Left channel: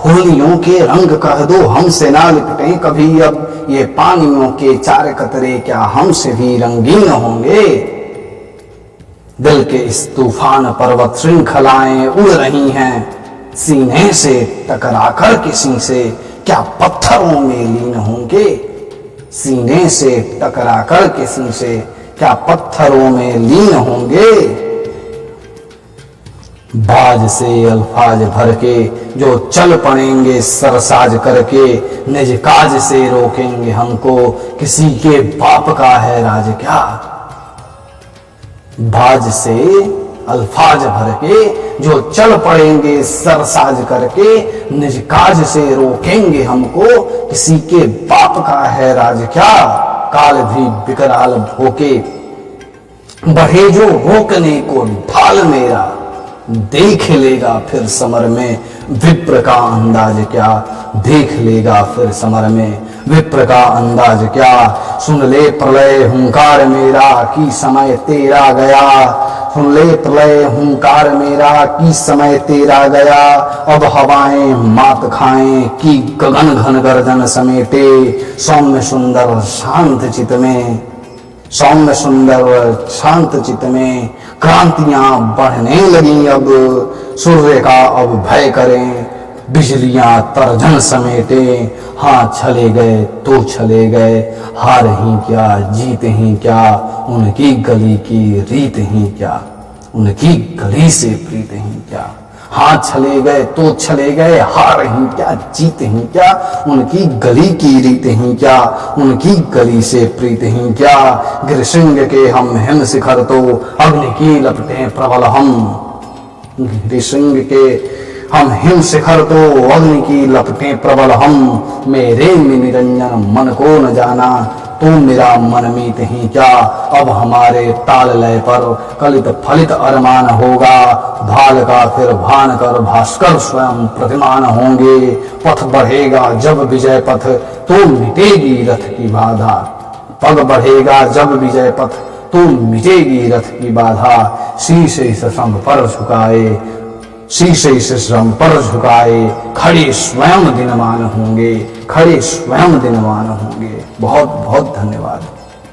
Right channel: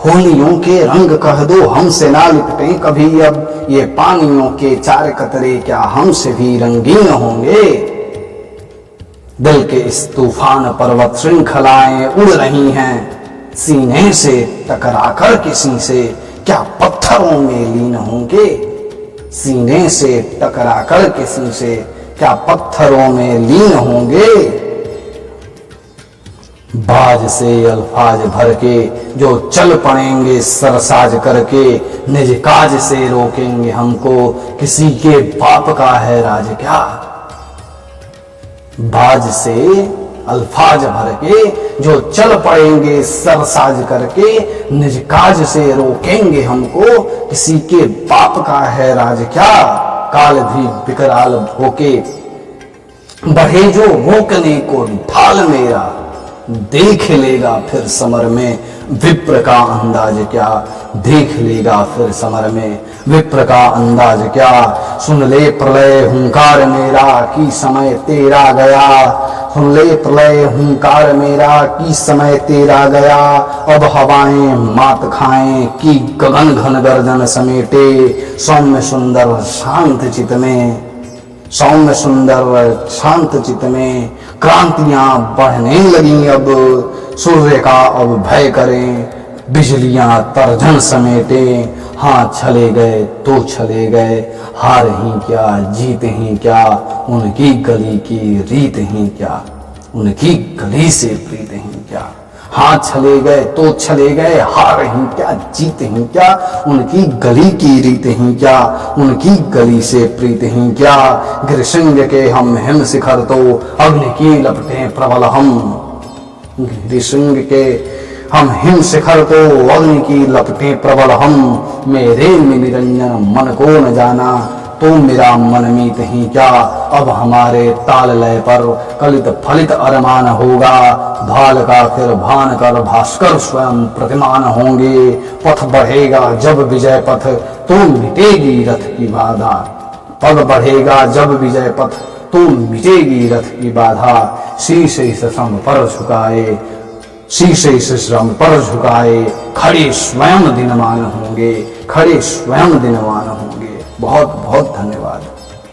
होलियों के रंग कह दो हमसे ना लिपटें कभी अब, ये पानियों के चार कतरे क्या हमसे भी रंगीन होंगे। दिल के इस तूफान पर्वत श्रृंखलाएं उड़ रही हैं, सीने से टकराकर किसी से क्या पत्थरों में लीन होंगे। सीने से टकराकर किसी से क्या पत्थरों में लीन होंगे। बाज से अल्फाज भर के जो चल पड़ेंगे सरसाज करके, निज काज से रोकेंगे हमको किसी के बाप का है राज क्या। बाज से अल्फाज भर के जो चल पड़ेंगे सरसाज करके, निज काज से रोकेंगे हमको किसी के बाप का है राज क्या। काल भी विकराल भोके बढ़े जो रोकने को ढाल मेरा, देख लेगा फिर समर में विप्र का अंदाज क्या। देख लेगा फिर समर में विप्र का अंदाज क्या। सुन ले प्रलय हुंकार मेरा कि समय तेरा गया। सुन ले प्रलय हुंकार मेरा कि समय तेरा गया। अब हवाएं मात खाएं कि गगन घन गर्जन समेटे। सौम्य सुंदर शांत चित में, सौम्य सुंदर शांत चित में क्रांतियां बढ़ने लगी अब। सूर्य का अब भय करें बिजलियां तर्जन समेटे। हाँ चले गए तो चले गए, हार ही क्या जीत ही क्या। उनकी गली की रीत ही क्या, उनकी गली से प्रीत ही क्या। हाँ चले गए तो चले गए, हार ही क्या जीत ही क्या। उनकी गली की रीत ही क्या, उनकी गली से प्रीत ही क्या। गिरिशृंग के हम हिम शिखर तो अग्नि की लपटें प्रबल हम। गिरिशृंग के हम हिम शिखर तो अग्नि की लपटें प्रबल हम। मेरे में निरंजन मन को न जाना तो मेरा मन मीत ही क्या। अब हमारे ताल लय पर कलित फलित अरमान होगा। भाल का फिर भान कर भास्कर स्वयं प्रतिमान होंगे। पथ बढ़ेगा जब विजय पथ तो मिटेगी रथ की बाधा। पग बढ़ेगा जब विजय पथ तो मिटेगी रथ की बाधा। शीश इस श्रम पर झुकाए, शीश इस श्रम पर झुकाए, खड़े स्वयं दिनमान होंगे, खड़े स्वयं दिनमान होंगे। बहुत बहुत धन्यवाद।